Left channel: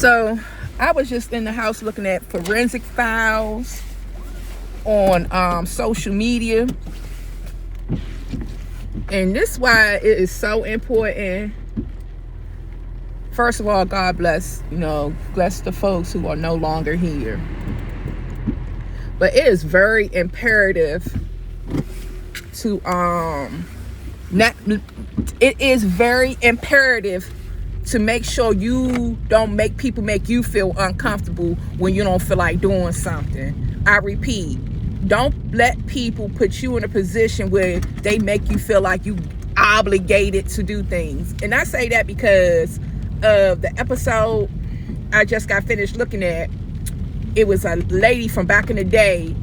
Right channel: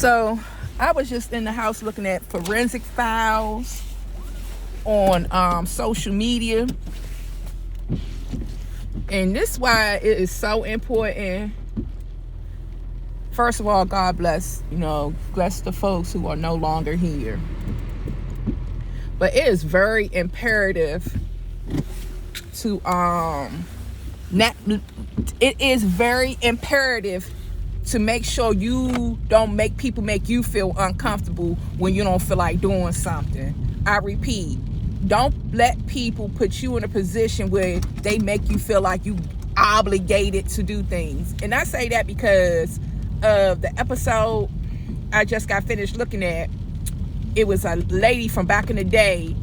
So I was just in the house looking at forensic files on social media, and this is why it is so important. First of all, God bless the folks who are no longer here, but it is very imperative to to make sure you don't make people make you feel uncomfortable when you don't feel like doing something. I repeat, don't let people put you in a position where they make you feel like you obligated to do things. And I say that because of the episode I just got finished looking at. It was a lady from back in the day.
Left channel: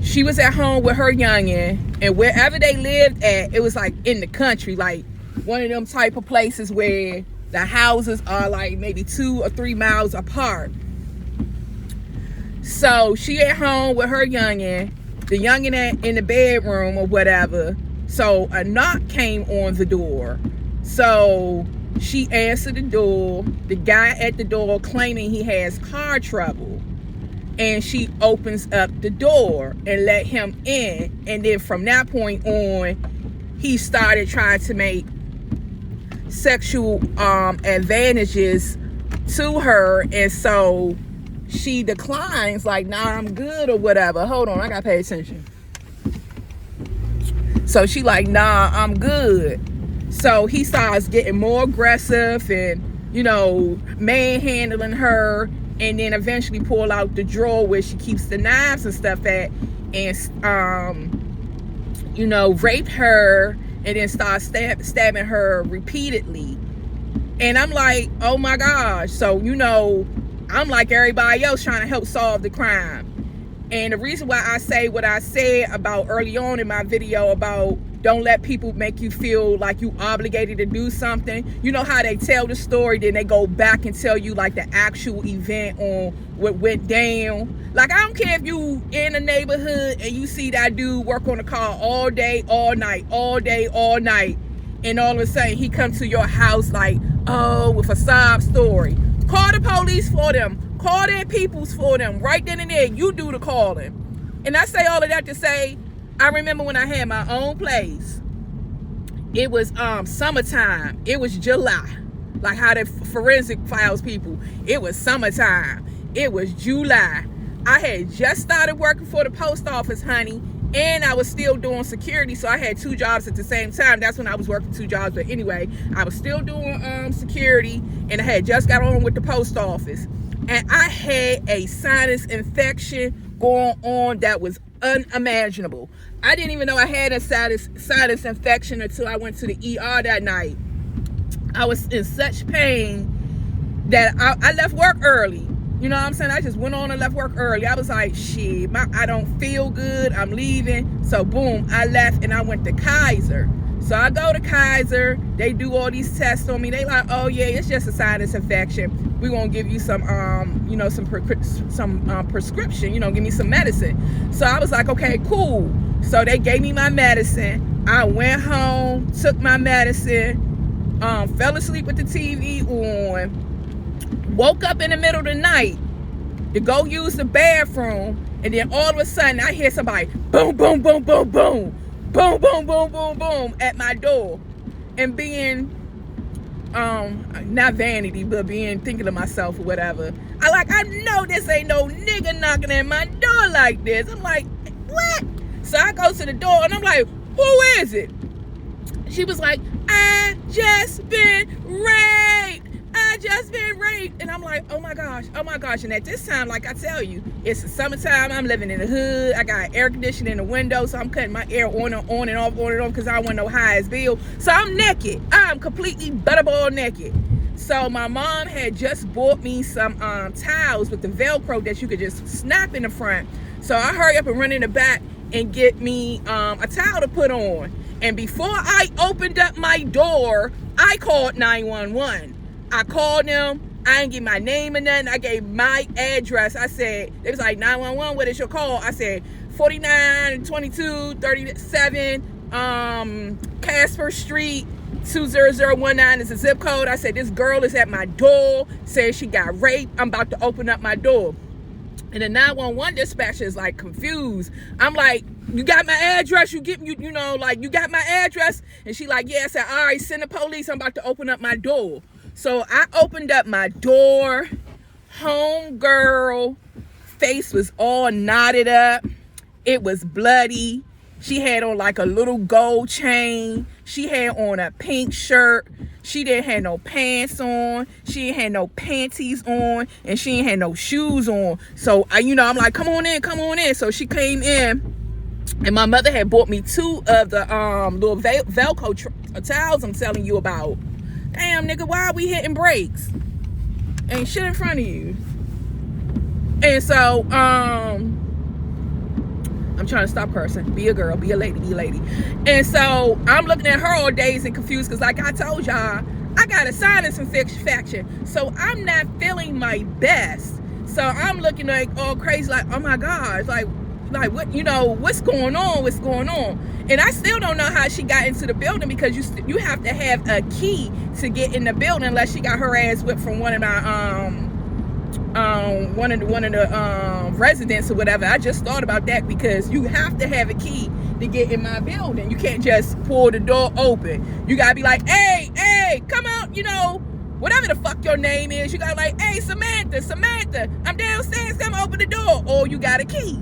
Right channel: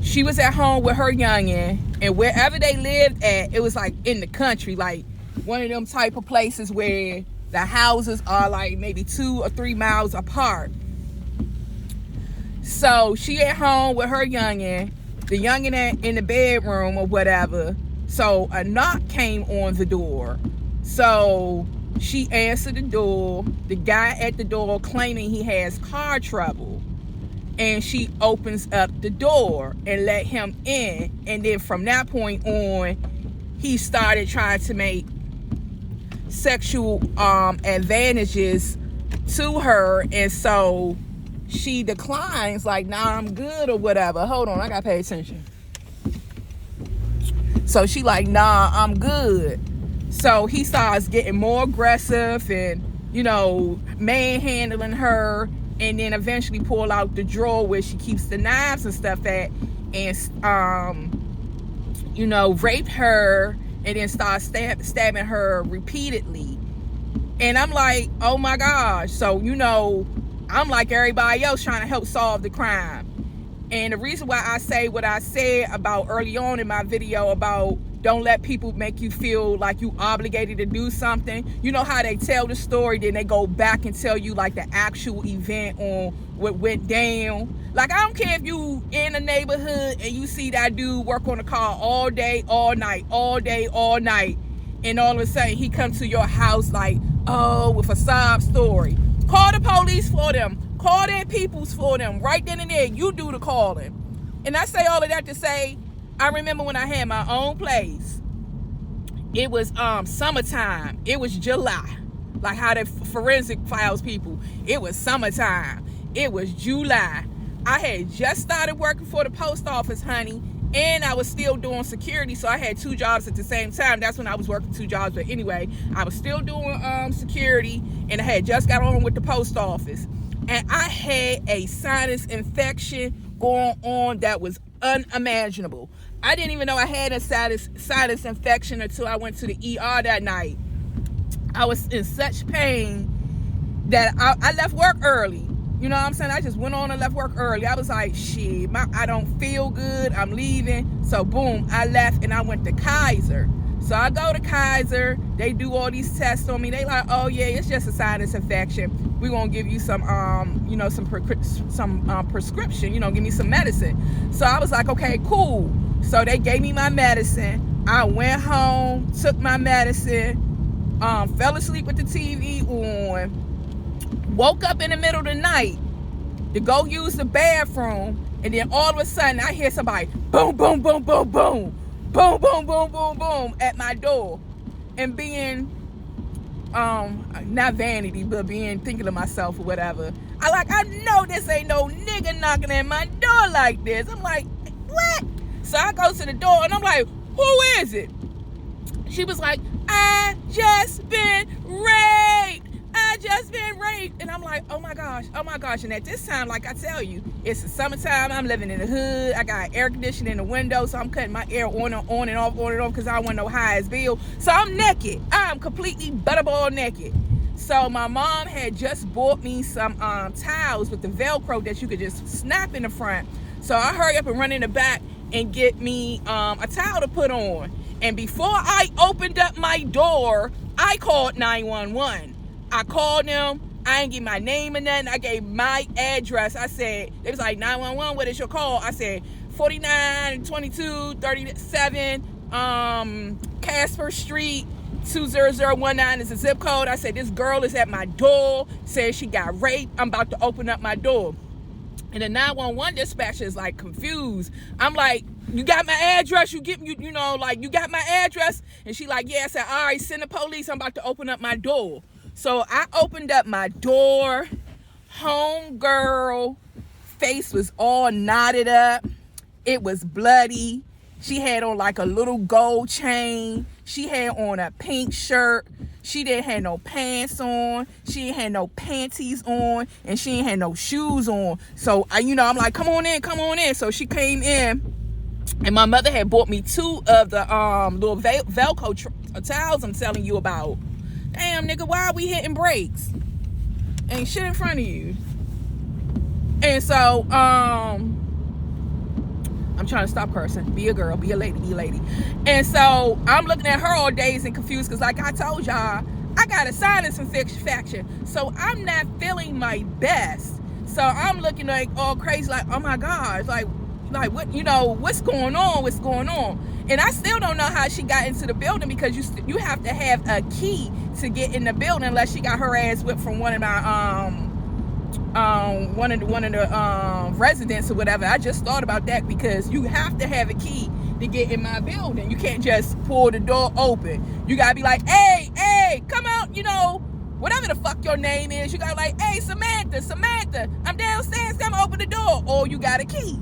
She was at home with her youngin', and wherever they lived at, it was like in the country, like one of them type of places where the houses are like maybe 2 or 3 miles apart. So she at home with her youngin', the youngin' in the bedroom or whatever. So a knock came on the door. So she answered the door. The guy at the door claiming he has car trouble. And she opens up the door and let him in. And then from that point on, he started trying to make sexual advantages to her. And so she declines, like, nah, I'm good or whatever. Hold on, I gotta pay attention. So she like, nah, I'm good. So he starts getting more aggressive and, manhandling her. And then eventually pull out the drawer where she keeps the knives and stuff at, and rape her, and then start stabbing her repeatedly. And I'm like, oh my gosh. So I'm like everybody else trying to help solve the crime. And the reason why I say what I said about early on in my video about don't let people make you feel like you obligated to do something. You know how they tell the story, then they go back and tell you like the actual event on what went down. Like, I don't care if you in a neighborhood and you see that dude work on a car all day, all night, all day, all night, and all of a sudden he comes to your house like, oh, with a sob story. Call the police for them. Call their peoples for them. Right then and there, you do the calling. And I say all of that to say, I remember when I had my own place. It was summertime. It was July. Like how the forensic files people. It was summertime. It was July. I had just started working for the post office, honey. And I was still doing security. So I had 2 jobs at the same time. That's when I was working 2 jobs. But anyway, I was still doing security. And I had just got on with the post office. And I had a sinus infection going on that was unimaginable. I didn't even know I had a sinus infection until I went to the ER that night. I was in such pain that I left work early. You know what I'm saying? I just went on and left work early. I was like, shit, I don't feel good. I'm leaving. So boom, I left and I went to Kaiser. So I go to Kaiser. They do all these tests on me. They like, oh yeah, it's just a sinus infection. We're gonna give you some prescription. Give me some medicine. So I was like, okay, cool. So they gave me my medicine. I went home, took my medicine, fell asleep with the TV on, woke up in the middle of the night to go use the bathroom, and then all of a sudden I hear somebody boom, boom, boom, boom, boom, boom, boom, boom, boom, boom at my door. And being not vanity, but thinking to myself or whatever, I know this ain't no nigga knocking at my door like this. I'm like, what? So I go to the door and I'm like, who is it? She was like, I just been raped. And I'm like, oh my gosh. And at this time, like I tell you, it's the summertime. I'm living in the hood. I got air conditioning in the window, so I'm cutting my air on and off, because I want no high as bill. So I'm naked. I'm completely butterball naked. So my mom had just bought me some towels with the Velcro that you could just snap in the front. So I hurry up and run in the back and get me a towel to put on. And before I opened up my door, I called 911. I called them. I didn't give my name or nothing. I gave my address. I said, it was like 911, what is your call? I said 49 22 37 Casper Street, 20019 is the zip code. I said, this girl is at my door, says she got raped. I'm about to open up my door. And the 911 dispatcher is like confused. I'm like, you got my address? You know, like, you got my address? And she like, yeah. I said, all right, send the police. I'm about to open up my door. So I opened up my door. Homegirl face was all knotted up. It was bloody. She had on like a little gold chain. She had on a pink shirt. She didn't have no pants on. She didn't have no panties on. And she didn't have no shoes on. So, I'm like, come on in. So she came in. And my mother had bought me 2 of the little Velcro towels I'm telling you about. Damn, nigga, why are we hitting brakes? Ain't shit in front of you. And so, I'm trying to stop cursing. Be a girl, be a lady. And so I'm looking at her all dazed and confused because, like I told y'all, I got a sinus infection. So I'm not feeling my best. So I'm looking like all crazy, like, oh my God, like what, what's going on? And I still don't know how she got into the building because you have to have a key to get in the building unless she got her ass whipped from one of my one of the residents or whatever. I just thought about that because you have to have a key to get in my building. You can't just pull the door open. You gotta be like, hey, come out, whatever the fuck your name is. You gotta like, hey, Samantha, I'm downstairs, come open the door. Or you got a key.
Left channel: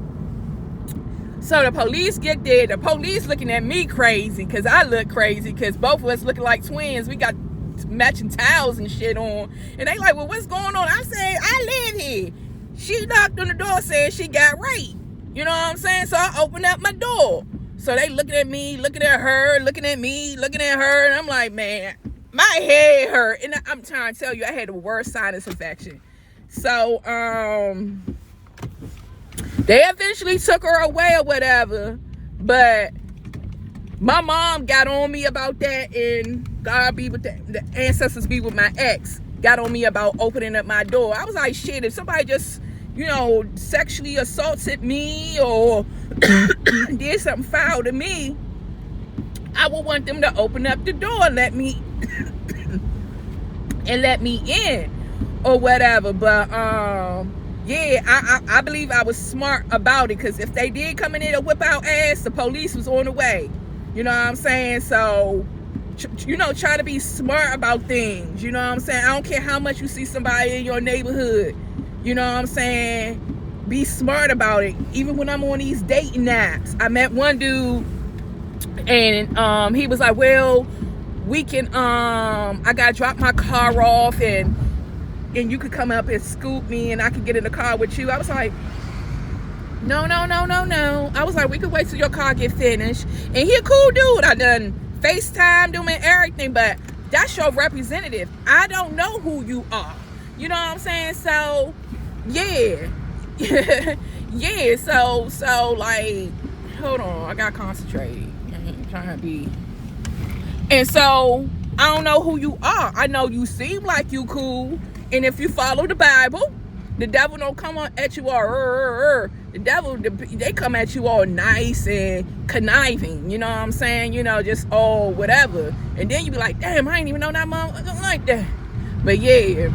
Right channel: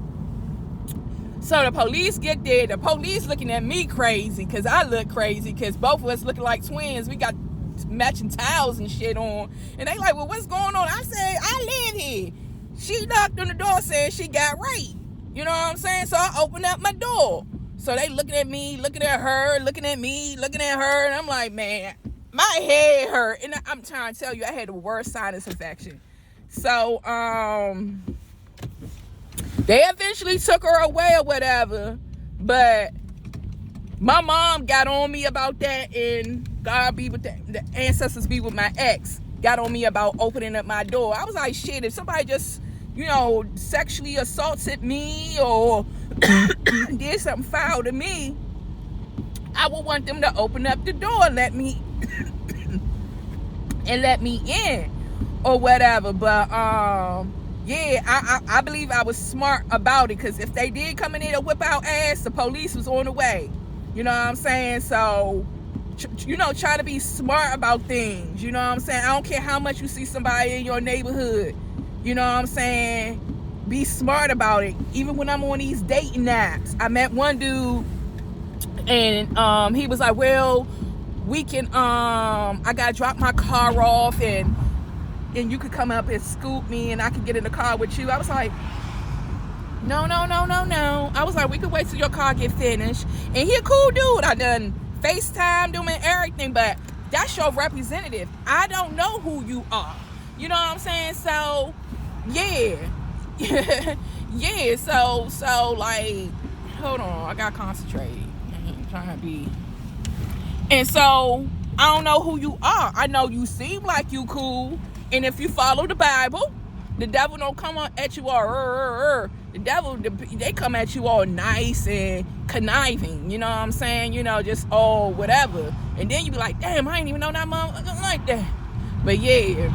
So the police get there. The police looking at me crazy because I look crazy because both of us looking like twins. We got matching towels and shit on. And they like, well, what's going on? I said, I live here. She knocked on the door saying she got raped. You know what I'm saying? So I opened up my door. So they looking at me, looking at her, looking at me, looking at her. And I'm like, man, my head hurt. And I'm trying to tell you, I had the worst sinus infection. So, they eventually took her away or whatever, but my mom got on me about that, and God be with the ancestors be with my ex, got on me about opening up my door. I was like, shit, if somebody just, sexually assaulted me or did something foul to me, I would want them to open up the door and let me in or whatever. But yeah, I believe I was smart about it because if they did come in there to whip out ass, the police was on the way. You know what I'm saying? So, try to be smart about things. You know what I'm saying? I don't care how much you see somebody in your neighborhood. You know what I'm saying? Be smart about it. Even when I'm on these dating apps, I met one dude and he was like, well, we can, I got to drop my car off and you could come up and scoop me and I could get in the car with you. I was like, no. I was like, we could wait till your car get finished. And he a cool dude. I done FaceTime him and everything, but that's your representative. I don't know who you are. You know what I'm saying? So, yeah. Yeah, so like, hold on, I gotta concentrate. I ain't trying to be. And so, I don't know who you are. I know you seem like you cool. And if you follow the Bible, the devil don't come at you all, the devil, they come at you all nice and conniving, you know what I'm saying? Just all whatever. And then you be like, damn, I ain't even know that mom like that. But yeah,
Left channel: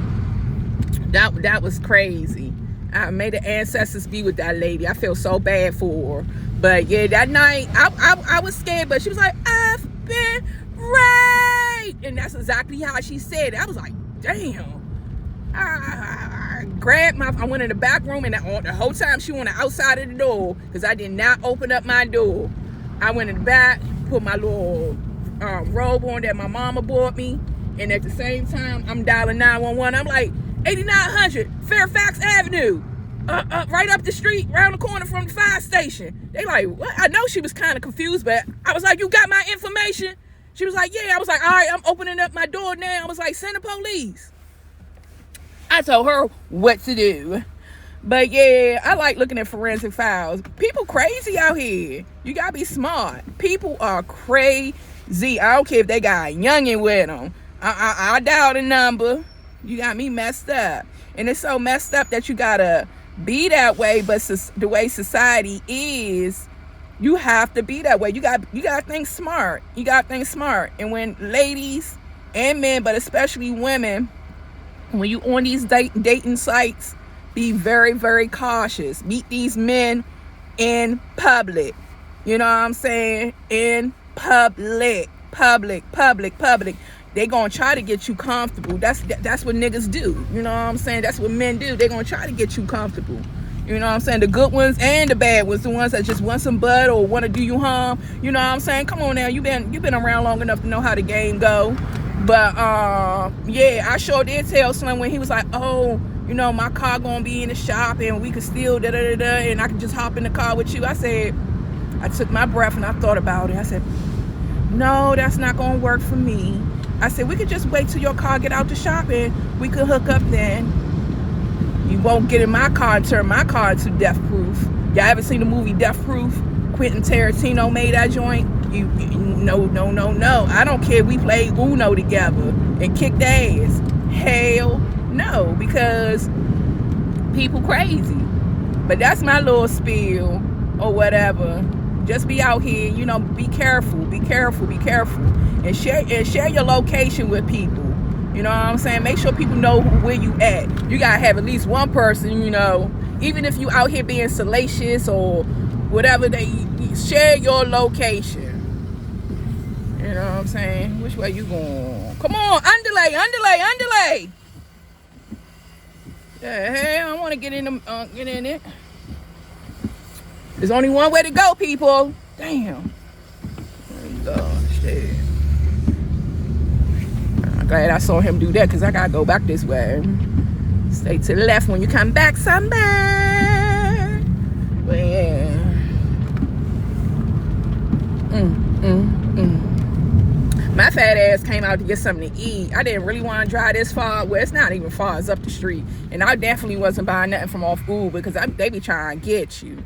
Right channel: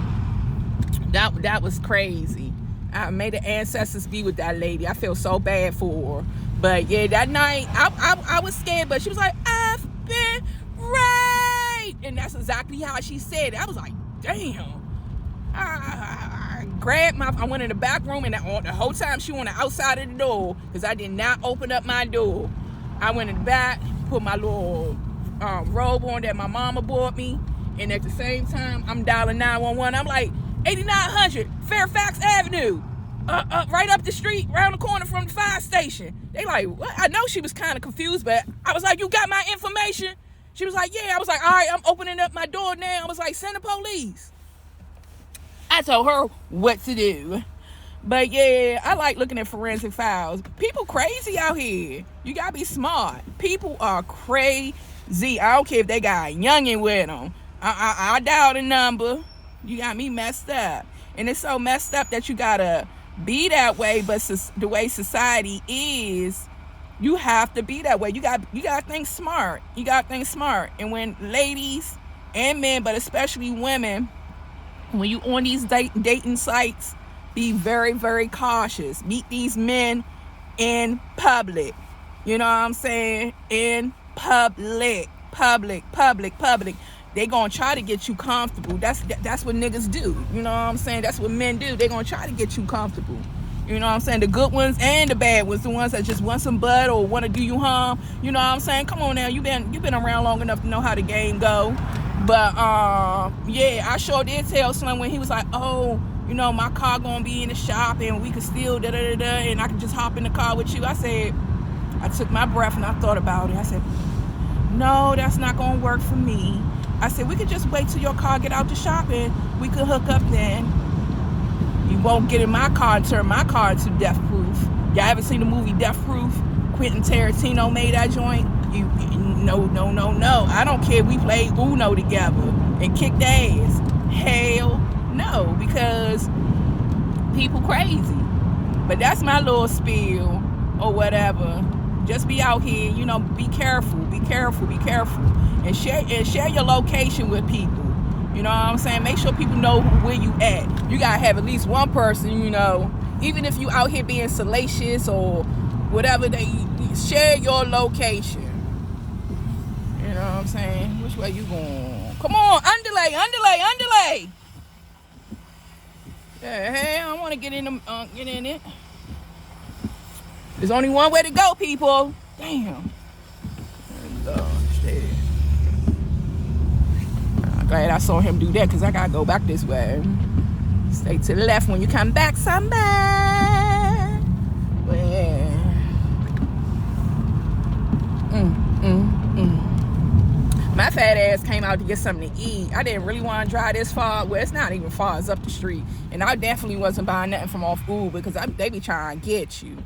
that was crazy. I made the ancestors be with that lady. I feel so bad for her. But yeah, that night, I was scared, but she was like, I've been raped. And that's exactly how she said it. I was like, damn. I went in the back room, and the whole time she on the outside of the door because I did not open up my door. I went in the back, put my little robe on that my mama bought me, and at the same time I'm dialing 911. I'm like, 8900 Fairfax Avenue, right up the street, around the corner from the fire station. They like, what? I know she was kind of confused, but I was like, you got my information? She was like, yeah. I was like, all right, I'm opening up my door now. I was like, send the police. I told her what to do. But yeah, I like looking at forensic files. People crazy out here. You gotta be smart. People are crazy. I don't care if they got a youngin' with them. I dialed a number. You got me messed up. And it's so messed up that you gotta be that way. But the way society is, You have to be that way. You got to think smart. You got to think smart. And when ladies and men, but especially women, when you on these dating sites, be very, very cautious. Meet these men in public. You know what I'm saying? In public. They gonna try to get you comfortable. That's what niggas do. You know what I'm saying? That's what men do. They gonna try to get you comfortable. You know what I'm saying? The good ones and the bad ones. The ones that just want some butt or want to do you harm. You know what I'm saying? Come on now. You've been around long enough to know how the game go. But yeah, I sure did tell Slim when he was like, oh, you know, my car gonna be in the shop and we could still and I could just hop in the car with you. I took my breath and I thought about it. I said, no, that's not gonna work for me. I said, we could just wait till your car get out the shop and we could hook up then. You won't get in my car and turn my car into Death Proof. Y'all ever seen the movie Death Proof? Quentin Tarantino made that joint. No. I don't care if we played Uno together and kicked ass. Hell no, because people crazy. But that's my little spiel or whatever. Just be out here, you know, be careful. And share your location with people. You know what I'm saying? Make sure people know where you at. You gotta have at least one person, you know, even if you out here being salacious or whatever, share your location. You know what I'm saying? Which way you going? Come on, underlay. Yeah, hey, I want to get in it. There's only one way to go, people. Damn. Oh, shit. I'm glad I saw him do that because I gotta go back this way. Stay to the left when you come back, somebody. But yeah. My fat ass came out to get something to eat. I didn't really want to drive this far. Well, it's not even far. It's up the street. And I definitely wasn't buying nothing from off Uber because they be trying to get you.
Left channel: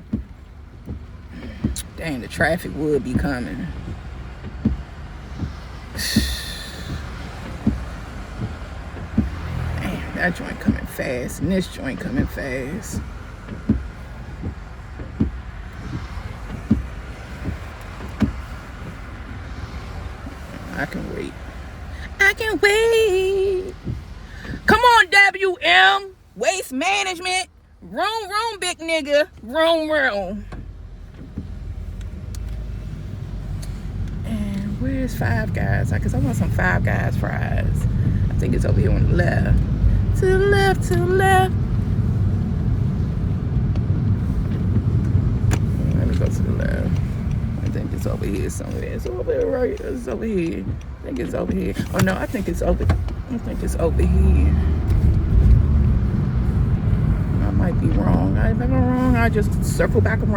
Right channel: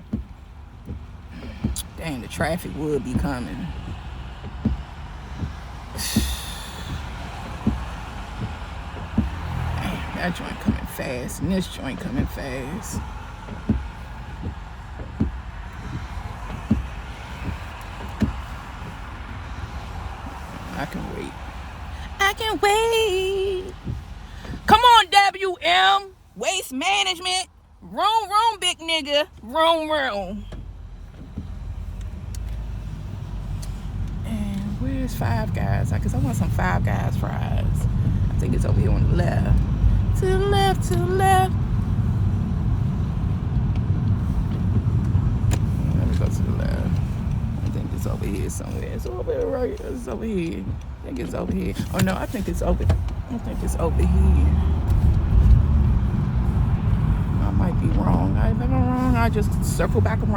Dang, the traffic would be coming. Dang, that joint coming fast. And this joint coming fast. I can wait. Come on, WM. Waste management. Room, big nigga. Room. And where's Five Guys? Because I want some Five Guys fries. I think it's over here on the left. To the left. Let me go to the left. I think it's over here somewhere. It's over there, right? It's over here. I think it's over here. Oh no, I think it's over here. I might be wrong. If I'm wrong, I'll just circle back around.